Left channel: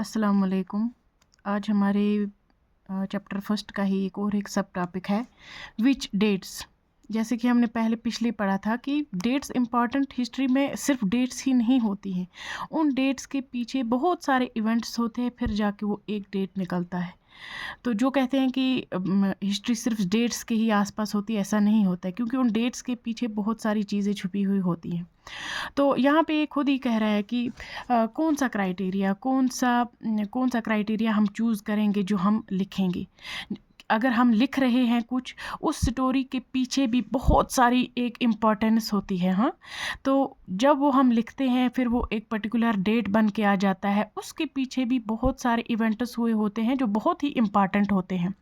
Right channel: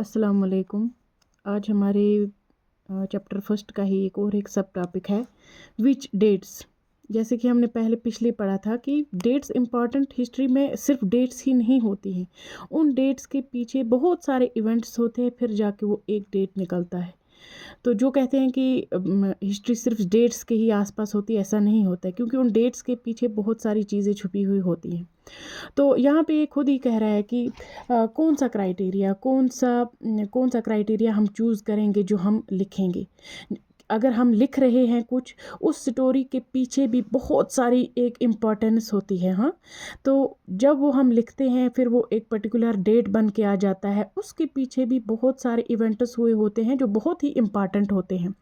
अस्सलाम वालेकुम। आज हमारे चैप्टर फर्स्ट का ही एक सब टॉपिक है विच डेट्स। जैसे कि हमने पहले पिछले पढ़ा था कि डेट्स इम्पॉर्टेंट हिस्ट्री में सिर्फ डेट्स ही नहीं होती हैं, उन डेट्स के पीछे बहुत सारे इवेंट्स होते हैं, फिर जाके वो एक डेट निकलता है। तो जो कहते हैं कि हिस्ट्री सिर्फ डेट्स के ही आसपास होती है, ऐसा नहीं होता है, क्योंकि उन डेट्स के पीछे बहुत सारी चीज़ें छुपी हुई होती हैं। तो यहाँ पे ये खुद ही कह रहा है कि कौन सा क्राइटेरिया हम चूज़ करेंगे जो हम लिखेंगे। अगर हम लिख रहे हैं कुछ, उस स्टोरी के पीछे भी बहुत सारी एक इम्पॉर्टेंस होती है। हाँ, तो जब वो हम लिखते हैं, फिर वो एक पर्टिकुलर डेट बन के आ जाता है, उसके पीछे भी बहुत सारे इवेंट्स हुए होते हैं जो बहुत ही इम्पॉर्टेंट होते हैं,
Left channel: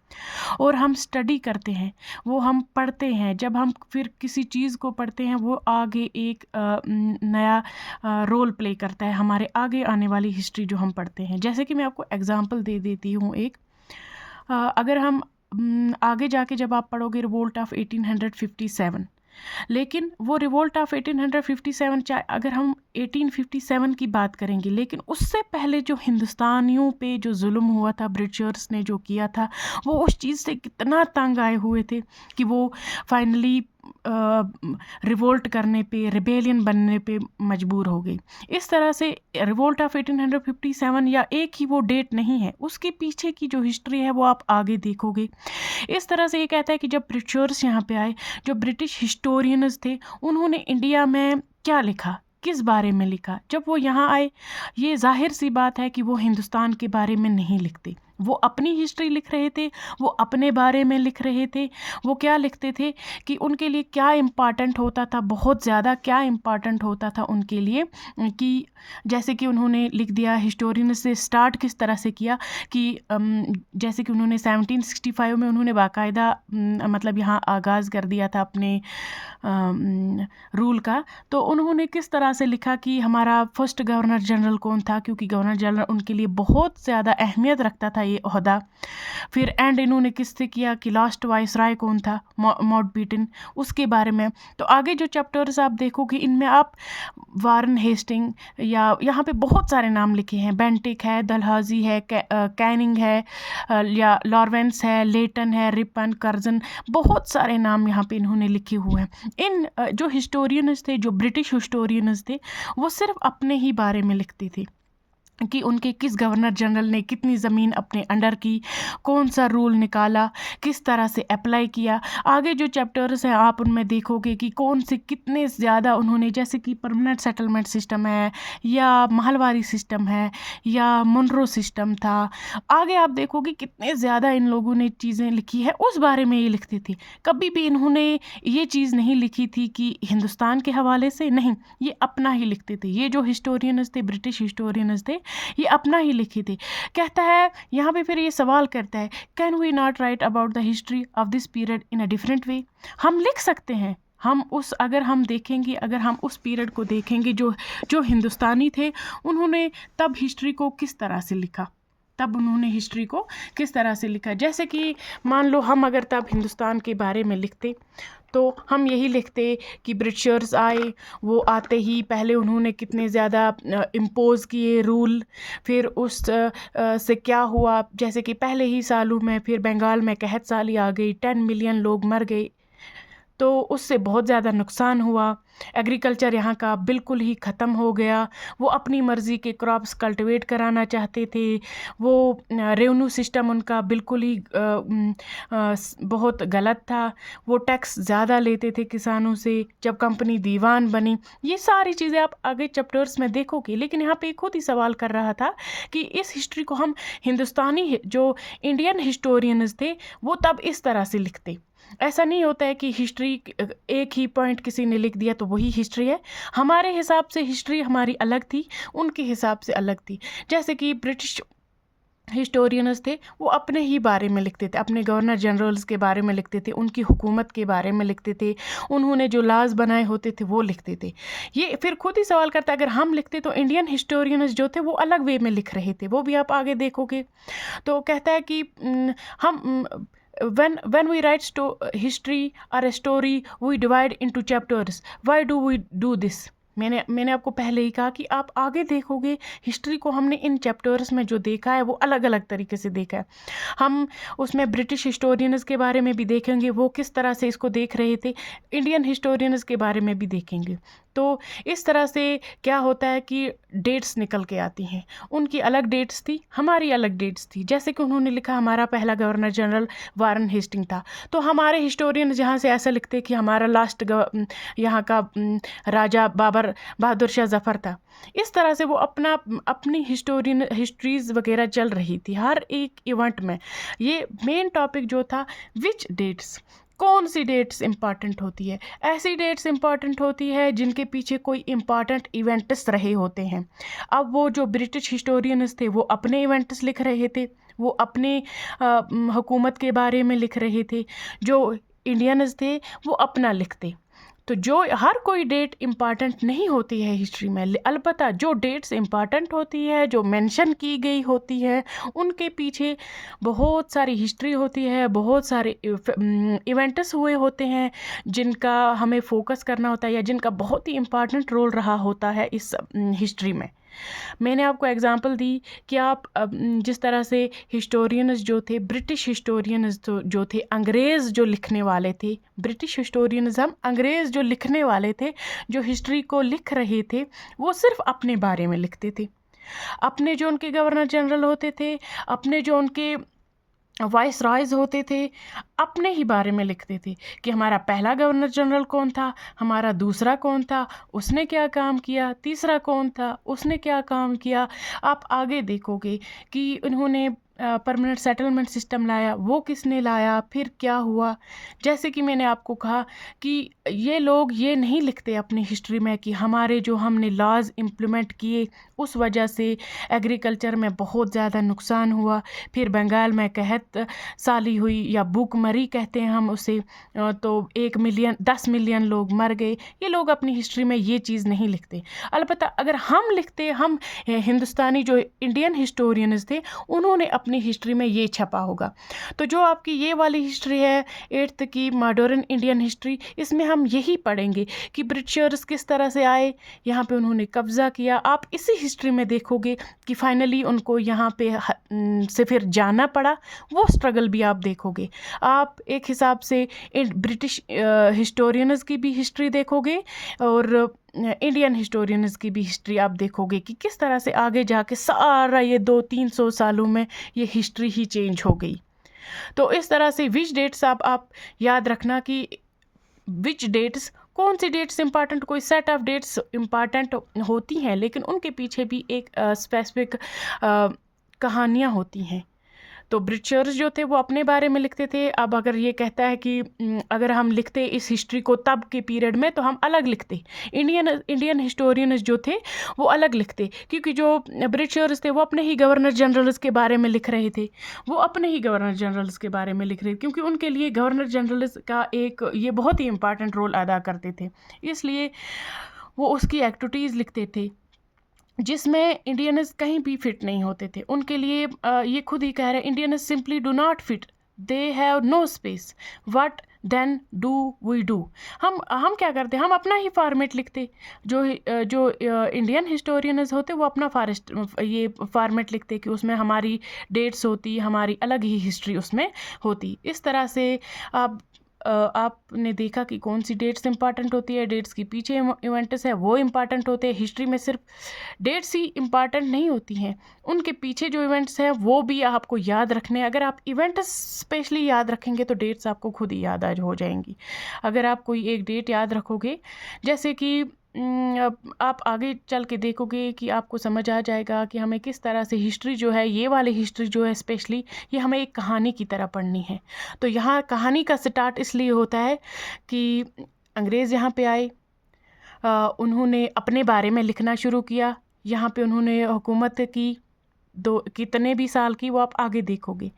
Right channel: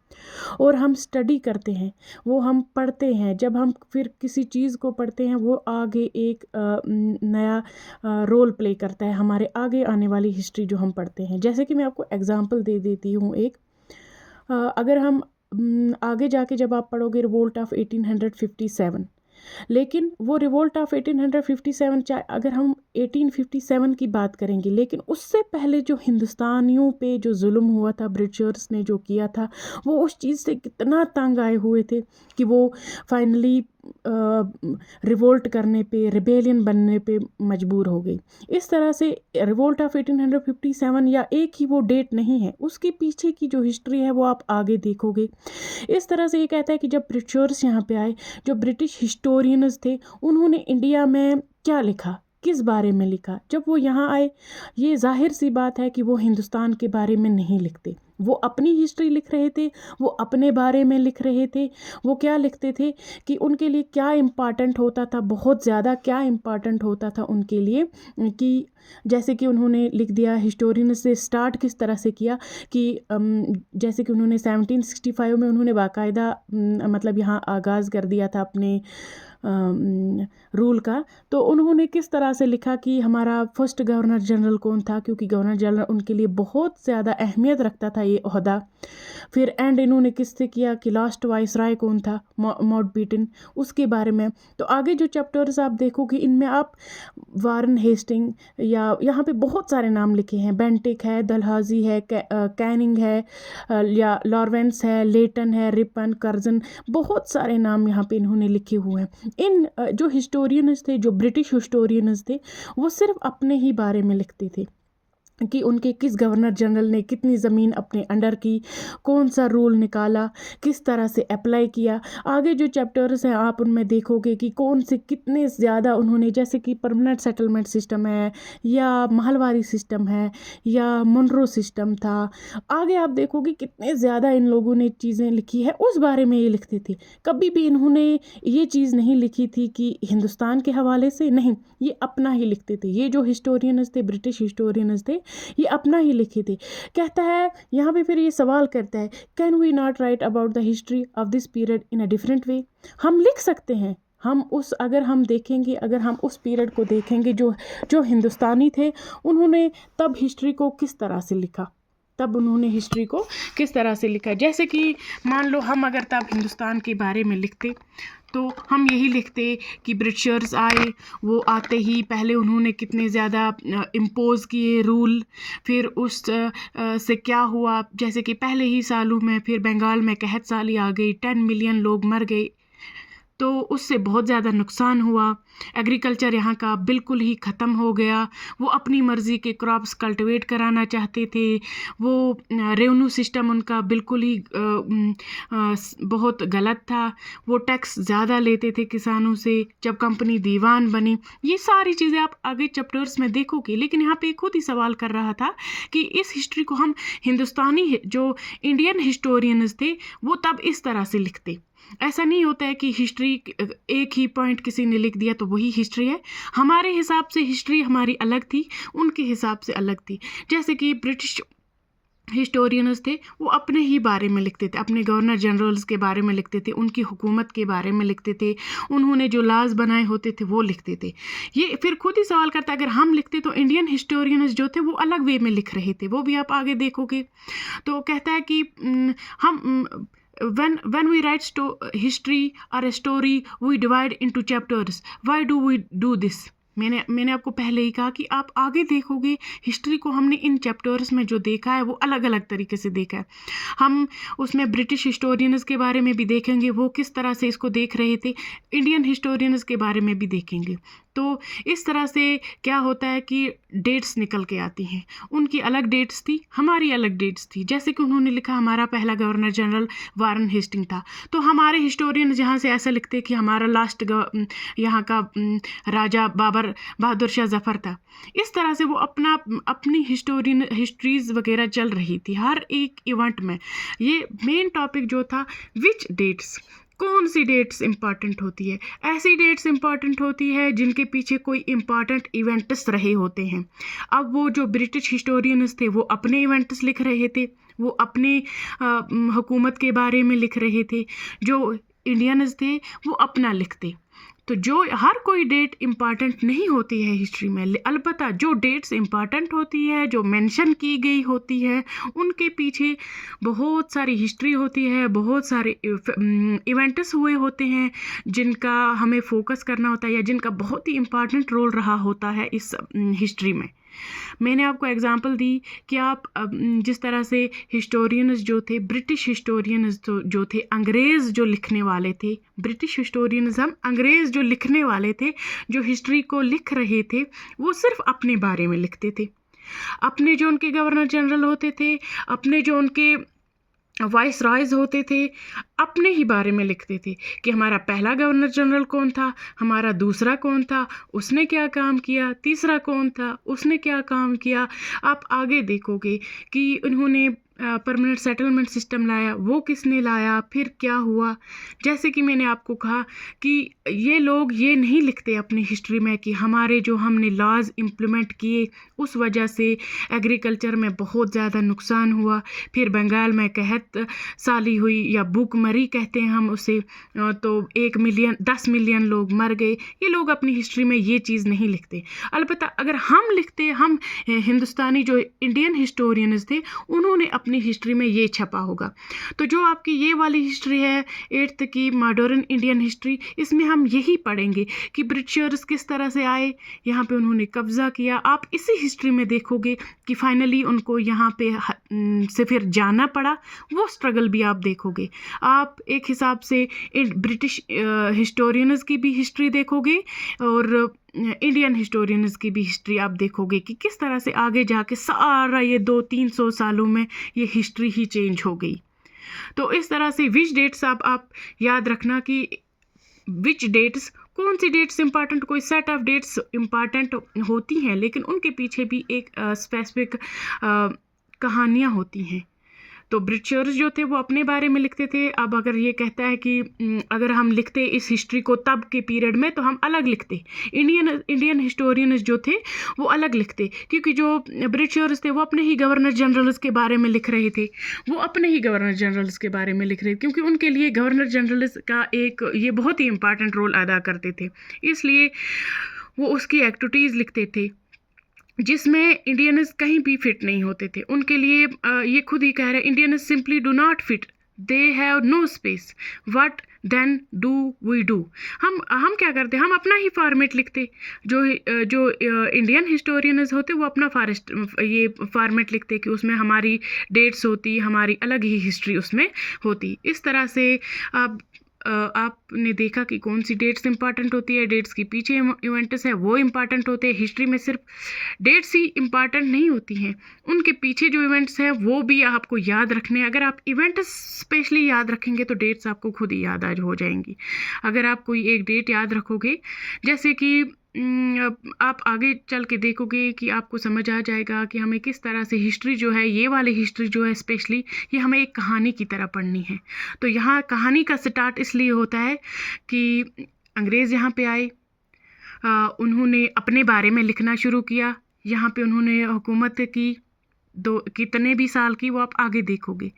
और हम स्टडी करते हैं, वो हम पढ़ते हैं। जब हम फिर किसी चीज़ को पढ़ते हैं, वो आगे एक नया रोल प्ले करता है हमारे आगे आने वाली हिस्ट्री जो हम पढ़ते हैं। जैसे कि मैं आपको एग्जांपल दे देती हूँ एक। अगर हम आगे जाके जब आप पढ़ोगे रिवोल्ट ऑफ 1857, लेकिन वो रिवोल्ट ऑफ 1857, चाहे अगर हम 1857 की बात करेंगे, लेकिन उससे पहले जो हिंदुस्तानियों पे जो जुल्म हुआ था, ब्रिटिशर्स ने जो किया था, वो उस चीज़ से कितना तंग आए हुए थे कि वो फाइनली रिवोल्ट करने पे, रिबेलियन बनने पे मजबूर हो गई। इस तरह से रिवोल्ट ऑफ 1857 या एक ही वो डेट नहीं है, उसके पीछे की जो हिस्ट्री है वो आप आगे देखोगे। इस तरह से ये कहता है कि जब ब्रिटिशर्स यहाँ पे आए, जो ब्रिटिश हिस्टोरियंस थे, उन्होंने इंडिया में क्या लिखा, किस बारे में लिखा। जब वो यहाँ आए, ये जाहिर सी बात है कि वो हिंदुस्तान के बारे में नहीं लिखते, वो अपनी हिस्ट्री लिख रहे थे, वो अपने बारे में लिख रहे थे। वो क्या लिखते थे कि उनके लिए क्या इम्पॉर्टेंट होता था, बहुत ज़्यादा क्या इम्पॉर्टेंट होता था उनके लिए, कि जैसे कि उन्होंने लिख दिया, हिस्टोरियन से स्टार्ट किस तरह से किया कि जैसे कि उन्होंने 1765 में उन्होंने बाकायदा मतलब यहाँ आगाज़ कर दिया था अपने रूल का। तो उन्होंने किस तरह से लिखा कि हमारा फर्स्ट गवर्नर जनरल कौन था, क्योंकि गवर्नर जनरल उनके लिए बहुत ज़्यादा अहमियत रखता था ये ओहदा। फिर एंड इन्होंने किससे किया कि लास्ट वाइसराय कौन था, माउंटबेटन, उसके बारे में। तो आगे जो चैप्टर्स आप देखोगे, इनमें आप वारन हेस्टिंग या यहाँ पे बहुत सारे नाम लिखे हैं, बेंटिक है, डलहौजी है, कैनिंग है, या लॉरेंस है, लेटन है, रिपन, कर्जन, बहुत सारे नाम यहाँ पे इन्होंने लिखे हुए हैं। इन जो हिस्टोरियंस थे, जो ब्रिटिश हिस्टोरियंस थे, वो सिर्फ अपने ही बारे में लिखते थे कि उनके किस गवर्नर जनरल ने कितनी ज़मीन अपने अंडर की, कौन सा रूल निकाला, किस तरह से अप्लाई किया। आगे जो चैप्टर्स हैं आप उनमें देखोगे कि कौन से कितने ज़्यादा उन्होंने, जैसे कि परमानेंट सेटलमेंट सिस्टम है, या महलवारी सिस्टम है, या मुनरो सिस्टम था। आगे आप देखोगे कितने ज़्यादा इन लोगों ने चीज़ें लिखी है, उस बारे में ये लिखते थे। कभी भी इन्होंने ये चीज़ नहीं लिखी थी कि हिंदुस्तान के हवाले से, नहीं, ये अपना ही लिखते थे। ये जो हिस्टोरियंस थे, ब्रिटिश हिस्टोरियंस थे, ये अपना ही लिखे थे। कहता है यहाँ पे, फिर ये सवाल करता है, can we not write about the history of this period in a different way. हम लिख सकते हैं, हम उस, अगर हम देखेंगे, अगर हम उस पीरियड को देखेंगे, जो जो हिंदुस्तानी थे, उन्होंने तब हिस्ट्री को किस तरह से लिखा, तब उन्होंने हिस्ट्री को किस तरह से लिखा। जैसे कि मान लो हम अगर तब हिंदुस्तान के बारे में लिखते, तो हम यही लिखते कि ब्रिटिशर्स आए, वो आते ही पहले उन्होंने कितने ज़्यादा इम्पोज़ किए रूल, फिर उस से क्या हुआ, जैसे कि पहले ही सालों में फिर बंगाल में कहत साली आ गई, 10 मिलियन लोग मर गए, तो उससे बहुत ज़्यादा नुकसान हुआ। एग्रीकल्चर यहाँ का बिल्कुल ही ख़त्म हो गया। वो अपनी मर्ज़ी के क्रॉप्स कल्टीवेट कराना चाहते थे। वो रेवेन्यू सिस्टम उनका बिल्कुल ही बहुत गलत था। वो टैक्स ज़्यादा लेते थे किसानों से। जब कंपनी दीवान बनी, ये सारी चीज़ें आप आगे चैप्टर्स में देखोगे। लेकिन यहाँ पे खुद ही सवाल कर रहा था कि इस हिस्ट्री को हम हिंदुस्तानी, जो इंडियन हिस्टोरियंस थे, वो तब इस तरह से लिखते। ऐसा नहीं होता है कि हिस्ट्री एक ही पॉइंट किसी ने लिख दिया तो वही हिस्ट्री है। हमारे हिसाब से हिस्ट्री हमारी अलग थी, उनके हिसाब से अलग थी। जैसे कि ब्रिटिश हिस्टोरियंस थे, वो अपने ही बारे में लिखते थे, अपने गवर्नर जनरल्स के बारे में लिखते थे, उनकी हुकूमत के बारे में लिखते थे, उन्होंने जो लाज बनाए होते थे वो लिखते थे। ये फिर खुद ही सवाल करता है, अगर हम लिखते तो इंडियन हिस्टोरियंस जो थे वो अलग वे में लिख रहे थे, वो भी आप आगे देखोगे। तो कहता है कि हम when we write history or a story, we divide into chapters. Why do we do this? मैंने आपको पहले ही कहा कि आप आगे देखोगे हिस्ट्री को हमने इन चैप्टर्स में जो देखा है वो अलग अलग तरीके से देखा है। हम उसमें ब्रिटिश हिस्टोरियंस के बारे में भी देखेंगे, वो किस तरह से इसको देख रहे थे, इंडियन हिस्टोरियंस के बारे में भी देखेंगे। तो इस तरह से क्या होता है कि डेट्स निकल के आती हैं, उनकी अलग डेट्स थी, हमारी अलग डेट्स थी। जैसे कि उन्होंने लिखा हमारा पहला गवर्नर जनरल वारन हेस्टिंग था, तो हमारे हिस्टोरियन यहाँ से ऐसा लिखते कि हमारा लास्ट यहाँ का राजा बहादुर शाह जफ़र था। इस तरह से वो अपनी हिस्ट्रीज़ वगैरह चल रही थी हर एक इवेंट में। ये मेन टॉपिक जो था, विच डेट्स, कौन सी डेट्स इंपॉर्टेंट होती है। ऐसी डेट्स इंपॉर्टेंट होती है जिनके पीछे कोई इंपॉर्टेंट इवेंट्स रहे होते हैं। अब वो जो ब्रिटिश हिस्टोरियंस थे वो अपने इवेंट्स लिख रहे थे, वो अपने हुकूमत के बारे में लिख रहे थे। जो इंडियंस थे वो अपना लिखते। तो जो हर कोई डेट इम्पॉर्टेंट नहीं होती है हिस्ट्री में, अलबत्ता जो डेट्स इम्पॉर्टेंट होती है, जो मेंशन की गई होती है, उनके पीछे बहुत सारी हिस्ट्री होती है, बहुत सारे इवेंट्स हुए होते हैं जिनका हमें फोकस करना होता है या जिनका बहुत ही इम्पॉर्टेंट रोल रहा होता है इस हिस्ट्री में। मैंने आपको एग्जांपल दी कि आप जिस तरह से हिस्टोरियंस जो थे, ब्रिटिश हिस्टोरियंस जो थे, अंग्रेज़ जो लिखने वाले थे, ब्रिटिश हिस्टोरियंस हम अंग्रेज़ जो लिखने वाले थे, जो हिस्ट्री को लिख रहे थे, वो सिर्फ अपने बारे में लिखते थे। अपने जो उनके गवर्नर जनरल होते थे, अपने जो उनके वाइस रॉयज़ होते थे, अपने ही बारे में लिखते थे कि हमारा पहला गवर्नर जनरल कौन था, हमारा दूसरा कौन था, उसने क्या काम किया, तीसरा कौन था, उसने क्या काम किया। आप आगे देखोगे कि उन्होंने परमानेंट सेटलमेंट सिस्टम लाया, वो किसने लाया, फिर क्या हुआ। जैसे कि मैंने आपको कहा कि ये लोग ये नहीं लिखते अपनी हिस्ट्री में कि हमारे जो हमने लॉज इम्प्लीमेंट किए उस वजह से एग्रीकल्चर में बहुत ज़्यादा नुकसान हुआ, फिर बंगाल में कहत साली हुई या भूखमरी कहते हैं हम उसे, तो 10 मिलियन लोग मर गए। ये लोग अपनी हिस्ट्री में ये चीज़ नहीं लिखते। अलबत्ता अगर हम लिखते, हम हिंदुस्तानी जो इंडियन हिस्टोरियंस थे उन्होंने अपनी हिस्ट्री में ये छपा होगा। तो जो आपकी ये वाली हिस्ट्री है 8th की मॉडर्न इंडियन हिस्ट्री, इसमें हम यही पढ़ेंगे कि ब्रिटिशर्स किस तरह से आए, यहाँ पे उन्होंने कब्ज़ा किया। आप इसी हिस्ट्री में देखोगे कि फाइनली उनको यहाँ पे से फिर जाना पड़ा, वो स्ट्रगल भी आप देखोगे। आप एक हिसाब से ब्रिटिश हिस्टोरियंस की भी हिस्ट्री देखोगे और इंडियन हिस्टोरियंस की भी हिस्ट्री आप देखोगे कि किस तरह से आगे जाके सारा ये 200-300 सालों में ये हिस्ट्री ही चेंज हो गई। तो इस तरह से विच डेट्स आप याद रखना कि विच डेट्स, कौन सी डेट्स इंपॉर्टेंट, कोई सेट ऑफ डेट्स इंपॉर्टेंट होती हैं, लेकिन उनके पीछे भी एक स्पेसिफिक कहानियाँ होती हैं। तो ब्रिटिशर्स जो थे वो अपने बारे में लिखते थे। अब अगर ये कहता है कि अगर हम लिखते इस हिस्ट्री को तब के पीरियड में, तो हम अलग लिखते। इंडियन हिस्टोरियंस जो थे वो अलग लिखते, क्योंकि जो ब्रिटिशर्स थे वो अपने ही गवर्नर जनरल्स के बारे में लिख रहे थे, वो अपने ही गवर्नर जनरल्स के बारे में लिख रहे थे, क्योंकि उनके लिए गवर्नर जनरल्स का एक ये बहुत ही इंपॉर्टेंट रोल अदा करते थे। इसलिए वो उसकी एक्टिविटीज़ लिखते थे जिसमें इंडियंस कहीं भी फिट नहीं होते थे। उनके लिए ये खुद ही कह रहे हैं, Indians simply do not fit, they have no space, what then do we do. हम क्या करते, हम अपना ही फॉर्मेट लिखते। जो इंडियन हिस्टोरियंस होते वो अपना ये फॉर्मेट लिखते कि उसमें हमारी डेट्स होती, हमारी अलग ही हिस्ट्री उसमें होती। इस तरह से आपने देखा कि कौन सी डेट्स इंपॉर्टेंट होती है, डेट्स के पीछे इवेंट्स है वो इंपॉर्टेंट होते हैं। हिस्ट्री में सिर्फ डेट्स ही इंपॉर्टेंट नहीं होती हैं, उनके पीछे जो इवेंट्स हैं वो भी आपको याद रखने। अगर आप इवेंट्स स्पेशली याद रखेंगे तो डेट्स आपको खुद ही याद हो जाएंगी। अगर आप कोई एक डेट याद रखोगे, जैसे कि आप आगे चल के देखोगे कि आपको समझ आ जाएगा कि हमें किस तरह से हिस्ट्री जो है, ये वाली हिस्ट्री जो है स्पेशली, ये हमें एक कहानी की तरह पढ़नी है। तो यहाँ कहानी का स्टार्ट इसलिए होता है कि अंग्रेज़ यहाँ पे आए, उन्होंने अपने बारे में लिखना शुरू किया। यहाँ पे उन्होंने हुकूमत की कितने भी साल की, वो आप आगे देखोगे।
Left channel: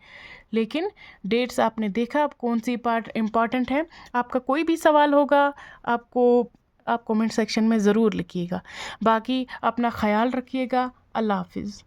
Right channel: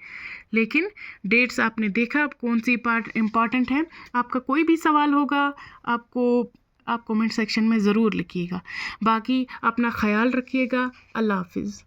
लेकिन डेट्स आपने देखा, अब कौन सी पार्ट इम्पॉर्टेंट है। आपका कोई भी सवाल होगा आप कमेंट सेक्शन में ज़रूर लिखिएगा। बाकी अपना ख्याल रखिएगा। अल्लाह हाफिज़।